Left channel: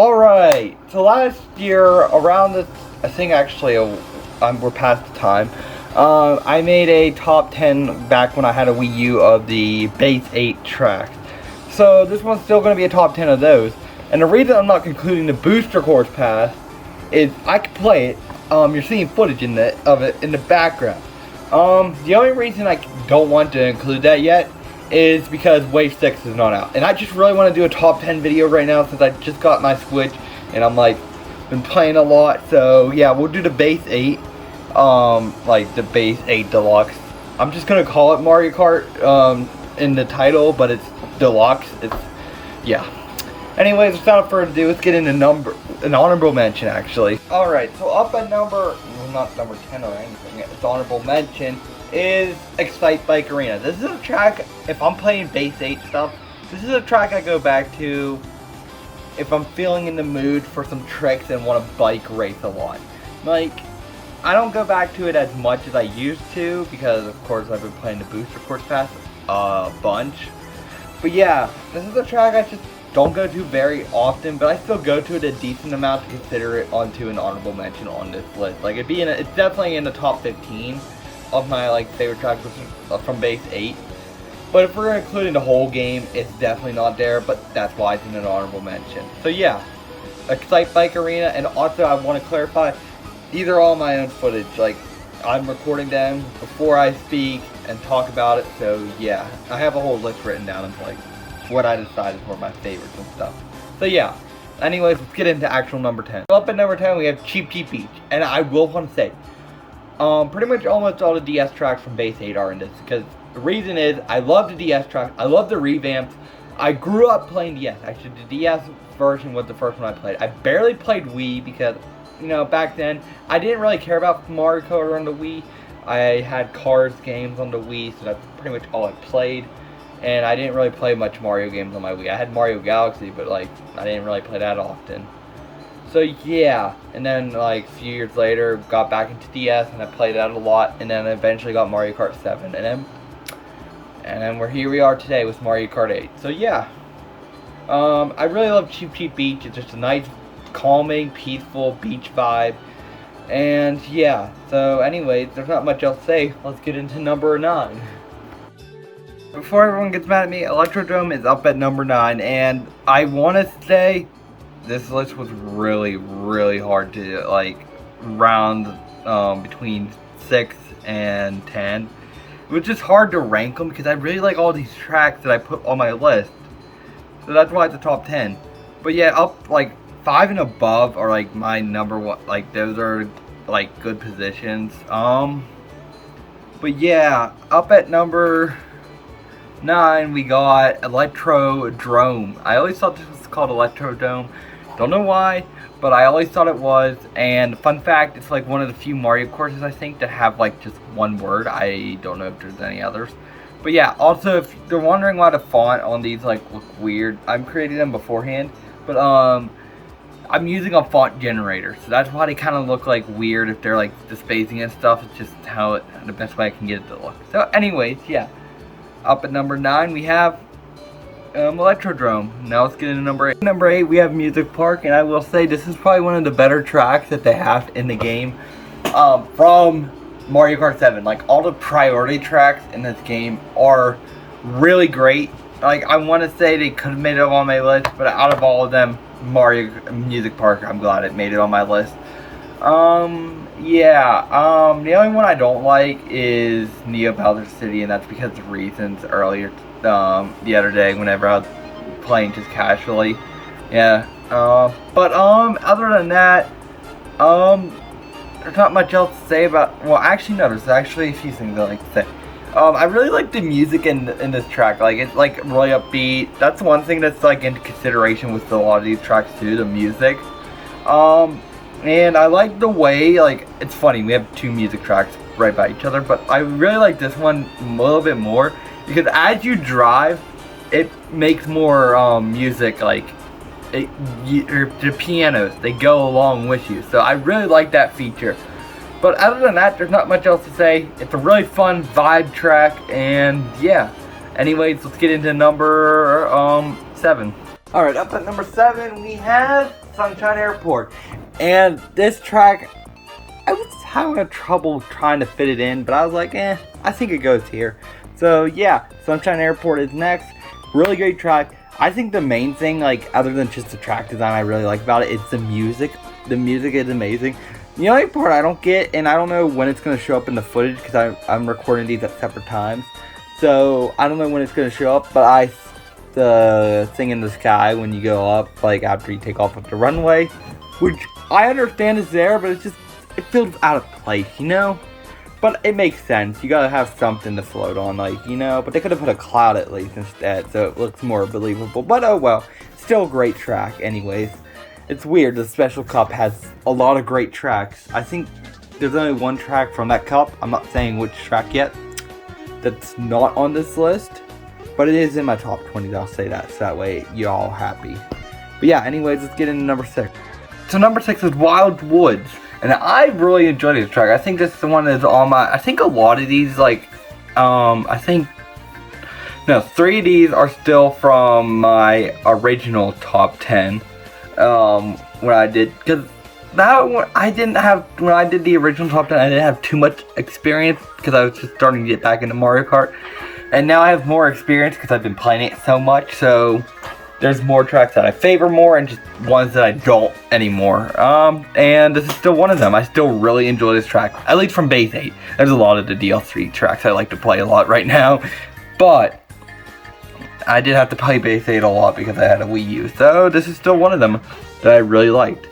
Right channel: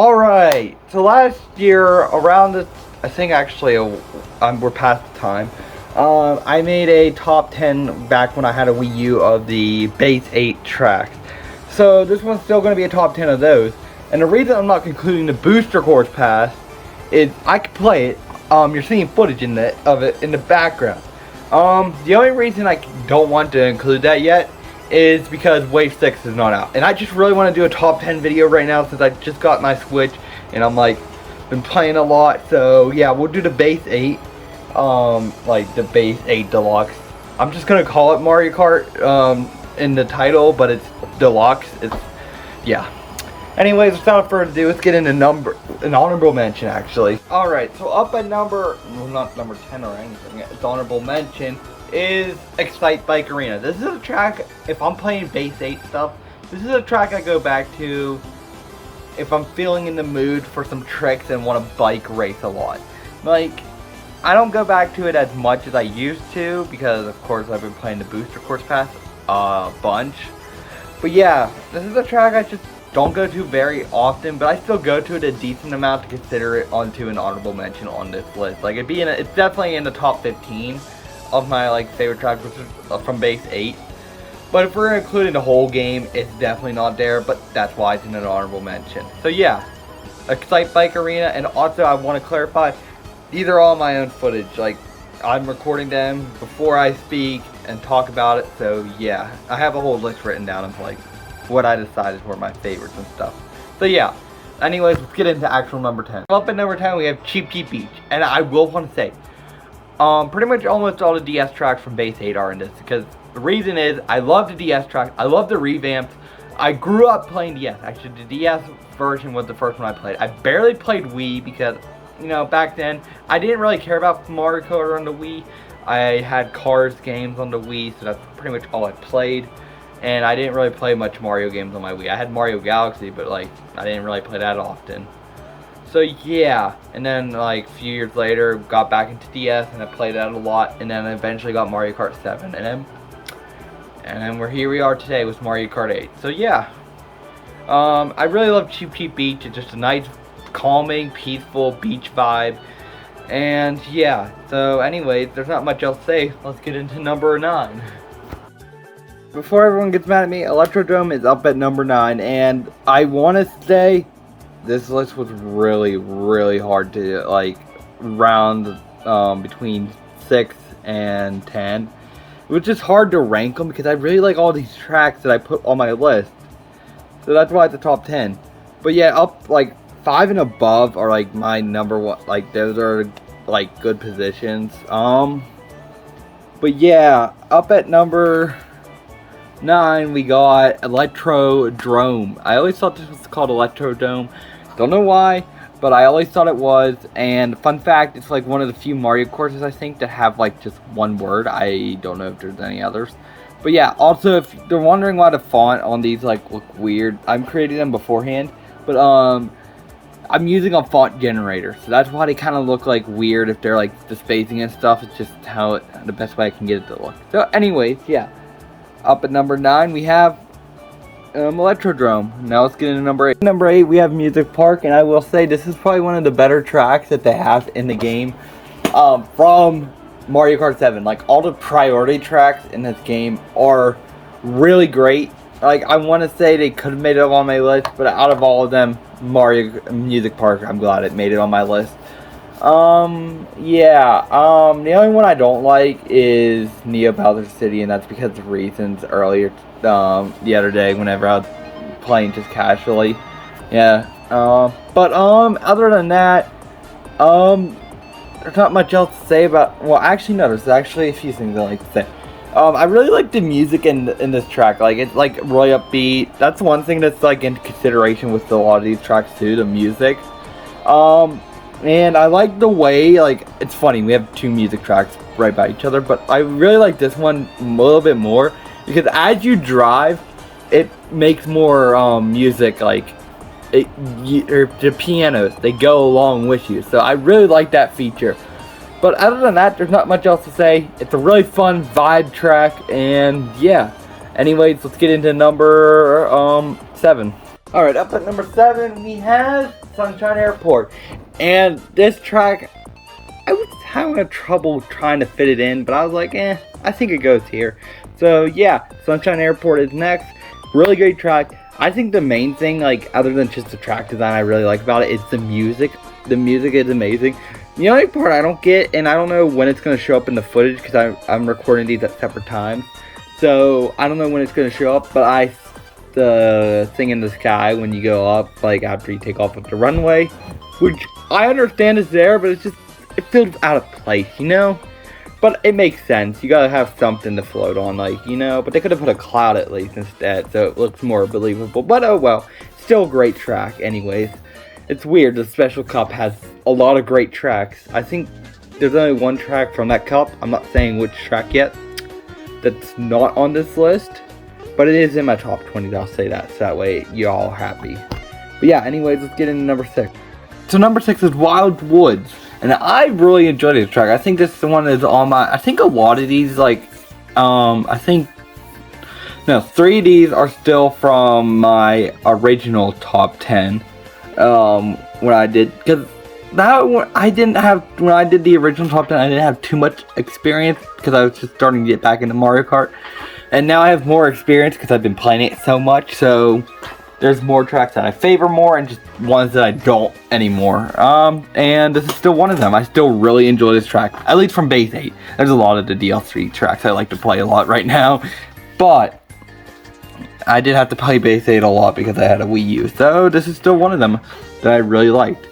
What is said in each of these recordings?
Alright, so last year, around this, I think actually, we're past the time, I made a top 10 back when I had a Wii U of the base 8 tracks. So this one's still going to be a top 10 of those. And the reason I'm not concluding the booster course pass is I can play it. You're seeing footage of it in the background. The only reason I don't want to include that yet is because Wave 6 is not out. And I just really want to do a top 10 video right now since I just got my Switch and I'm like, been playing a lot. So yeah, we'll do the base 8, like the base 8 deluxe. I'm just gonna call it Mario Kart in the title, but it's deluxe. It's, yeah. Anyways, without further ado, let's get into an honorable mention actually. Alright, so up at well, not number 10 or anything, it's honorable mention is Excite Bike Arena. This is a track, if I'm playing base 8 stuff, this is a track I go back to if I'm feeling in the mood for some tricks and want to bike race a lot. Like, I don't go back to it as much as I used to because of course I've been playing the booster course pass a bunch. But yeah, this is a track I just don't go to very often, but I still go to it a decent amount to consider it onto an honorable mention on this list. Like, it's definitely in the top 15 of my like favorite tracks from base 8. But if we're including the whole game, it's definitely not there, but that's why it's in an honorable mention. So yeah, Excite Bike Arena, and also I want to clarify, these are all my own footage. Like, I'm recording them before I speak and talk about it, so yeah, I have a whole list written down of like what I decided were my favorites and stuff. So yeah, anyways, let's get into actual number 10. Up at number 10 we have Cheep Cheep Beach, and I will want to say, pretty much almost all the DS tracks from base 8 are in this, because the reason is I love the DS tracks, I love the revamps. I grew up playing DS. Actually, the DS version was the first one I played. I barely played Wii because, you know, back then I didn't really care about Mario Kart on the Wii. I had Cars games on the Wii, so that's pretty much all I played. And I didn't really play much Mario games on my Wii. I had Mario Galaxy, but like I didn't really play that often. So yeah, and then like a few years later, got back into DS and I played that a lot, and then eventually got Mario Kart 7, and then here we are today with Mario Kart 8. So yeah, I really love Cheep Cheep Beach. It's just a nice, calming, peaceful beach vibe. And yeah, so anyways, there's not much else to say. Let's get into number 9. Before everyone gets mad at me, Electrodome is up at number 9, and I want to say this list was really, really hard to like round between 6 and 10. It was just hard to rank them because I really like all these tracks that I put on my list. So that's why it's a top 10. But yeah, up like 5 and above are like my number 1. Like those are like good positions. But yeah, up at number 9 we got Electrodome. I always thought this was called Electrodome. Don't know why, but I always thought it was. And fun fact, it's like one of the few Mario courses I think that have like just one word. I don't know if there's any others. But yeah, also if they're wondering why the font on these like look weird, I'm creating them beforehand. But I'm using a font generator, so that's why they kind of look like weird if they're like the spacing and stuff. It's just the best way I can get it to look. So anyways, yeah. Up at number 9 we have Electrodome. Now let's get into number 8. Number 8 we have Music Park, and I will say this is probably one of the better tracks that they have in the game from Mario Kart 7. Like all the priority tracks in this game are really great. Like I want to say they could have made it on my list, but out of all of them, Music Park, I'm glad it made it on my list. Yeah, the only one I don't like is Neo Bowser City, and that's because of reasons earlier, the other day whenever I was playing just casually. Yeah, but, other than that, there's not much else to say about, well, actually, no, there's actually a few things I like to say. I really like the music in this track. Like, it's, like, really upbeat. That's one thing that's, like, in consideration with a lot of these tracks, too, the music. And I like the way, like, it's funny, we have 2 music tracks right by each other, but I really like this one a little bit more, because as you drive, it makes more, music, like, the pianos, they go along with you, so I really like that feature. But other than that, there's not much else to say. It's a really fun vibe track, and yeah. Anyways, let's get into number 7. Alright, up at number 7, we have Sunshine Airport. And this track, I was having trouble trying to fit it in, but I was like, I think it goes here. So yeah, Sunshine Airport is next. Really great track. I think the main thing, like, other than just the track design I really like about it, is the music. The music is amazing. The only part I don't get, and I don't know when it's going to show up in the footage, because I'm recording these at separate times. So, I don't know when it's going to show up, but the thing in the sky when you go up, like, after you take off with the runway, which I understand is there, but it feels out of place, you know? But it makes sense. You gotta have something to float on, like, you know? But they could have put a cloud at least instead, so it looks more believable. But oh well. Still a great track anyways. It's weird, the Special Cup has a lot of great tracks. I think there's only one track from that cup, I'm not saying which track yet, that's not on this list. But it is in my top 20, I'll say that, so that way you're all happy. But yeah, anyways, let's get into number 6. So number 6 is Wild Woods. And I really enjoyed this track. I think this is the one that's on my, I think a lot of these, like, I think, no, 3 of these are still from my original top 10, when I did, because I didn't have, when I did the original top 10, I didn't have too much experience, because I was just starting to get back into Mario Kart, and now I have more experience, because I've been playing it so much, so there's more tracks that I favor more and just ones that I don't anymore. And this is still one of them. I still really enjoy this track, at least from Base 8. There's a lot of the DLC tracks I like to play a lot right now, but I did have to play Base 8 a lot because I had a Wii U, so this is still one of them that I really liked.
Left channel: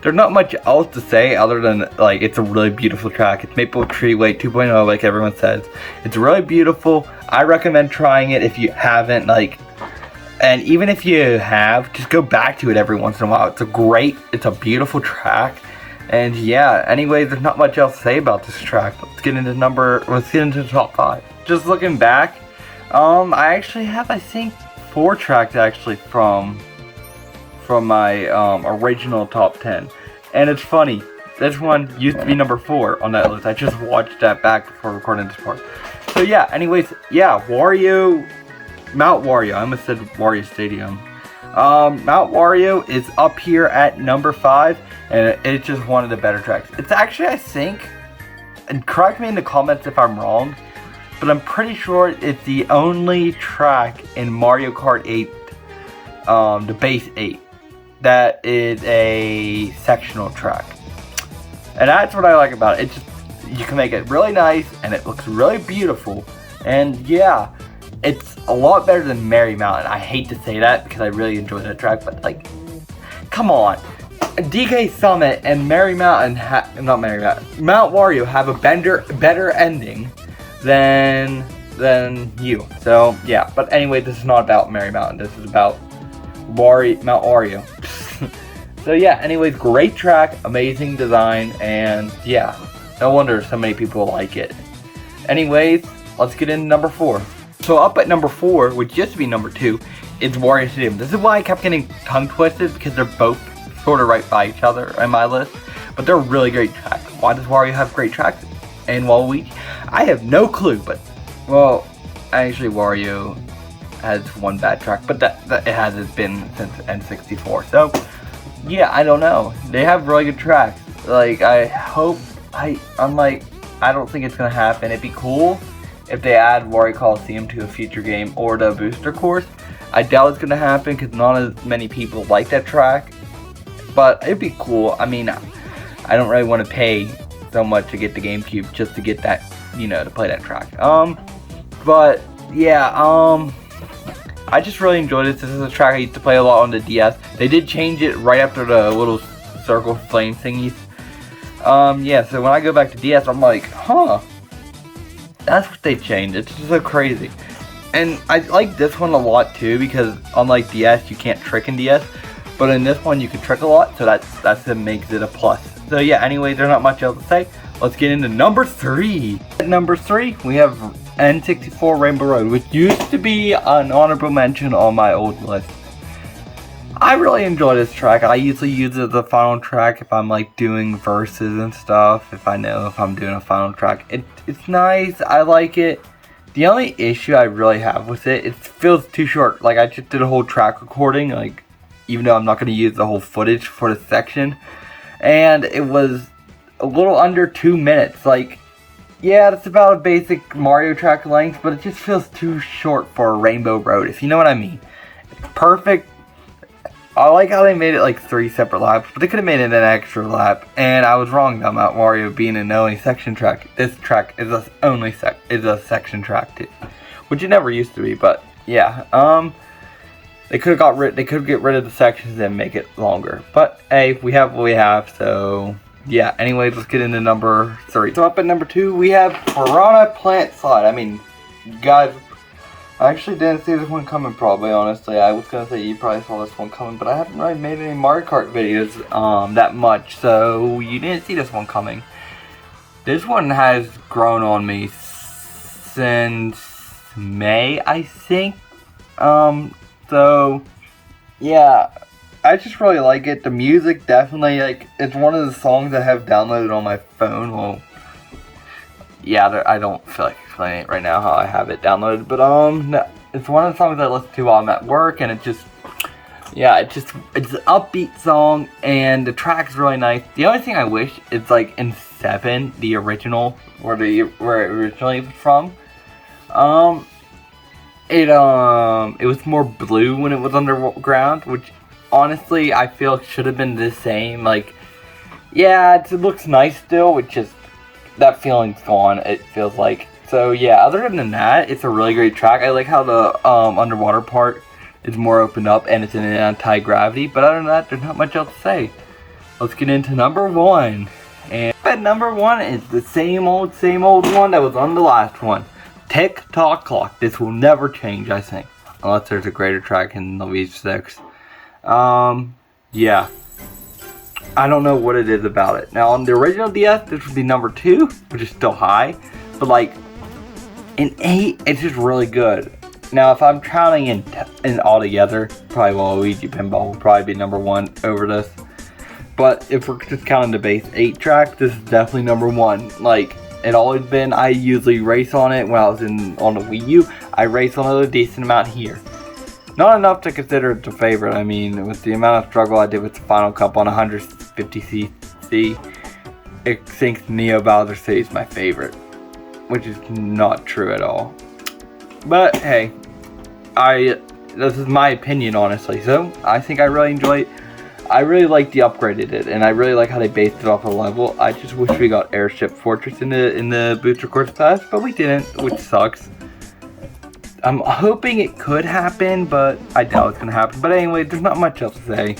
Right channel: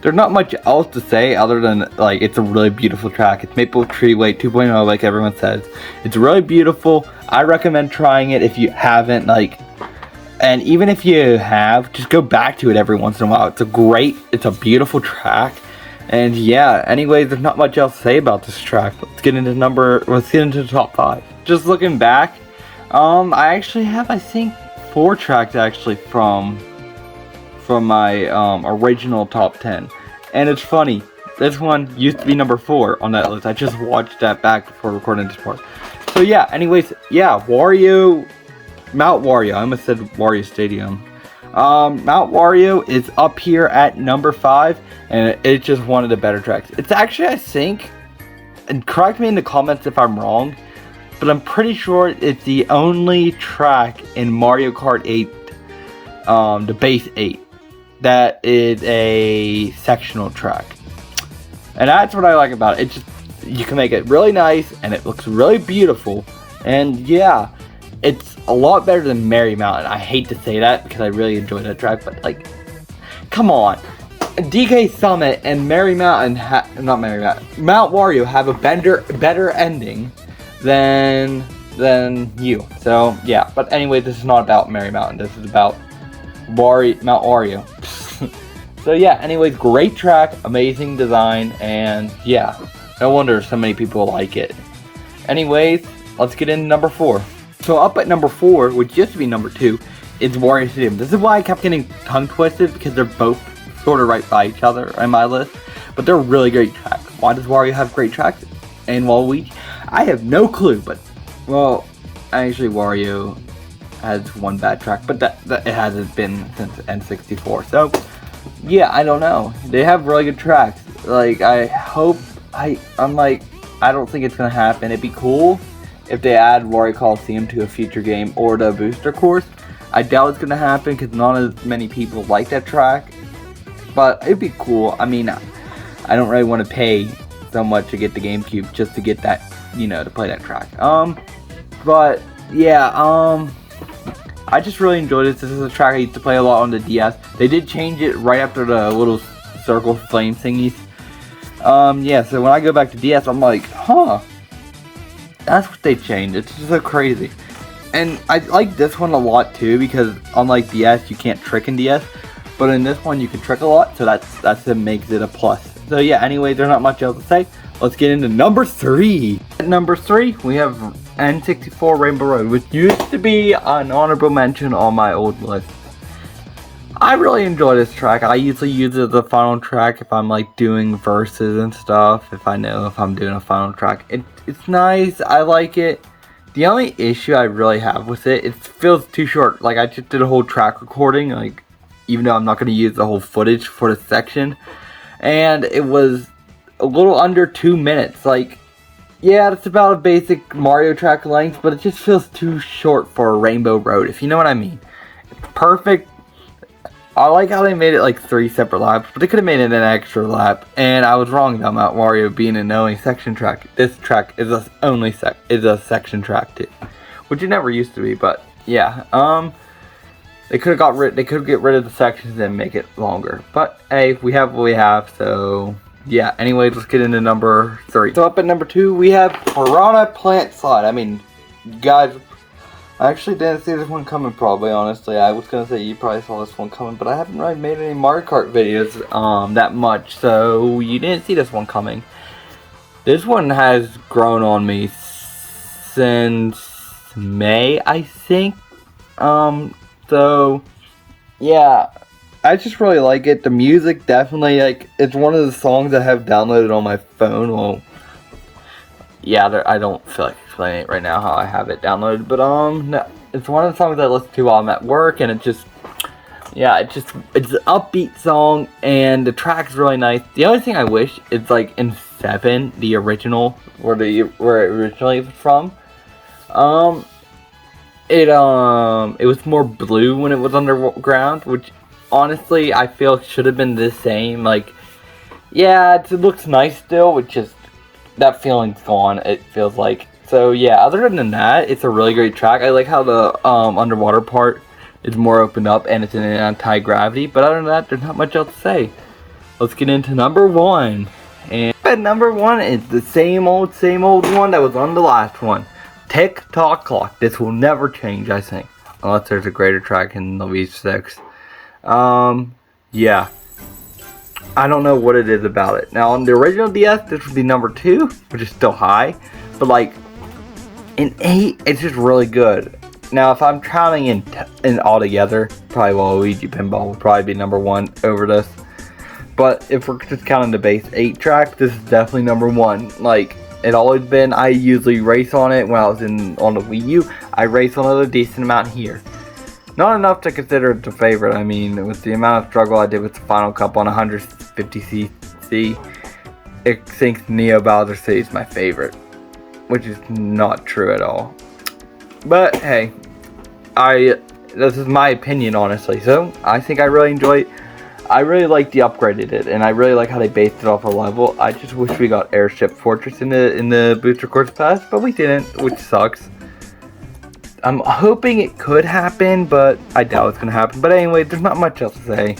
There's not much else to say other than, like, it's a really beautiful track. It's Maple Tree Way 2.0, like everyone says. It's really beautiful. I recommend trying it if you haven't, like, and even if you have, just go back to it every once in a while. It's a beautiful track. And yeah, anyways, there's not much else to say about this track. Let's get into the top 5. Just looking back, I actually have, I think, 4 tracks actually from my original top 10. And it's funny, this one used to be number 4 on that list. I just watched that back before recording this part. So yeah, anyways, yeah, Mount Wario, I almost said Wario Stadium. Mount Wario is up here at number 5, and it's just one of the better tracks. It's actually, I think, and correct me in the comments if I'm wrong, but I'm pretty sure it's the only track in Mario Kart 8, the Base 8, that is a sectional track. And that's what I like about it. It's just, you can make it really nice, and it looks really beautiful, and yeah. It's a lot better than Merry Mountain. I hate to say that because I really enjoy that track, but like, come on. DK Summit and Mount Wario have a better ending than you. So yeah, but anyway, this is not about Merry Mountain. This is about Mount Wario. So yeah, anyways, great track, amazing design, and yeah, no wonder so many people like it. Anyways, let's get into number 4. So up at number 4, which used to be number 2, is Wario Stadium. This is why I kept getting tongue twisted, because they're both sort of right by each other in my list. But they're really great tracks. Why does Wario have great tracks? And Waluigi? I have no clue, but, well, actually Wario has one bad track, but that it hasn't been since N64. So, yeah, I don't know. They have really good tracks. Like, I hope, I'm like, I don't think it's gonna happen. It'd be cool if they add Wario Coliseum to a future game or the booster course. I doubt it's gonna happen because not as many people like that track, but it'd be cool. I mean, I don't really want to pay so much to get the GameCube just to get that, you know, to play that track. But yeah, I just really enjoyed it. This is a track I used to play a lot on the DS. They did change it right after the little circle flame thingies. Yeah, so when I go back to DS, I'm like, huh, that's what they changed. It's just so crazy. And I like this one a lot too, because unlike DS, you can't trick in DS, but in this one you can trick a lot, so that's what makes it a plus. So yeah, anyway, there's not much else to say. Let's get into number 3. At number 3, we have N64 Rainbow Road, which used to be an honorable mention on my old list. I really enjoy this track. I usually use it as a final track if I'm like doing verses and stuff, if I know if I'm doing a final track. It's nice, I like it. The only issue I really have with it feels too short. Like, I just did a whole track recording, like, even though I'm not going to use the whole footage for this section. And it was a little under 2 minutes. Like, yeah, it's about a basic Mario track length, but it just feels too short for a Rainbow Road, if you know what I mean. It's perfect. I like how they made it like 3 separate laps, but they could have made it an extra lap. And I was wrong about Mount Wario being an only section track. This track is a section track too, which it never used to be. But yeah, they could have get rid of the sections and make it longer. But hey, we have what we have, so yeah. Anyways, let's get into number 3. So up at number 2, we have Piranha Plant Slide. I mean, guys, I actually didn't see this one coming, probably, honestly. I was gonna say you probably saw this one coming, but I haven't really made any Mario Kart videos that much, so you didn't see this one coming. This one has grown on me since May, I think. So yeah, I just really like it. The music definitely, like, it's one of the songs I have downloaded on my phone. Well, yeah, I don't feel like explaining it right now how I have it downloaded, but no, it's one of the songs I listen to while I'm at work, and it's an upbeat song, and the track's really nice. The only thing I wish is, like, in 7, the original, where it originally was from, it was more blue when it was underground, which honestly I feel should have been the same. Like, yeah, it looks nice still, which is, that feeling's gone, it feels like. So yeah, other than that, it's a really great track. I like how the underwater part is more opened up and it's in an anti-gravity, but other than that, there's not much else to say. Let's get into number 1. And at number 1 is the same old one that was on the last one. Tick Tock Clock. This will never change, I think, unless there's a greater track in the V6. Yeah, I don't know what it is about it. Now, on the original DS, this would be number 2, which is still high, but like in 8, it's just really good. Now, if I'm counting in all together, probably Waluigi Pinball will probably be number 1 over this. But if we're just counting the base 8 track, this is definitely number 1. Like, it always been. I usually race on it when I was on the Wii U. I race on it a decent amount here. Not enough to consider it a favorite. I mean, with the amount of struggle I did with the Final Cup on 150cc, it thinks Neo Bowser City is my favorite, which is not true at all. But hey, this is my opinion, honestly. So I think I really enjoy it. I really like the upgrade it did, and I really like how they based it off a level. I just wish we got Airship Fortress in the Booster Course Pass, but we didn't, which sucks. I'm hoping it could happen, but I doubt it's gonna happen. But anyway, there's not much else to say.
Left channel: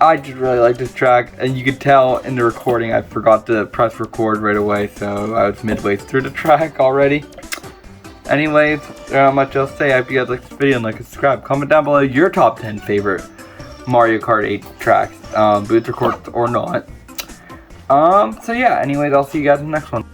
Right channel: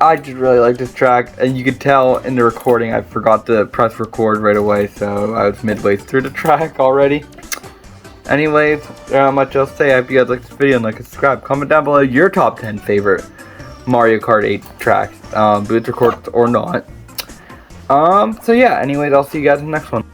I just really like this track, and you could tell in the recording I forgot to press record right away, so I was midway through the track already. Anyways, there's not much else to say. I hope you guys like this video and like and subscribe. Comment down below your top 10 favorite Mario Kart 8 tracks, booster course or not. So yeah, anyways, I'll see you guys in the next one.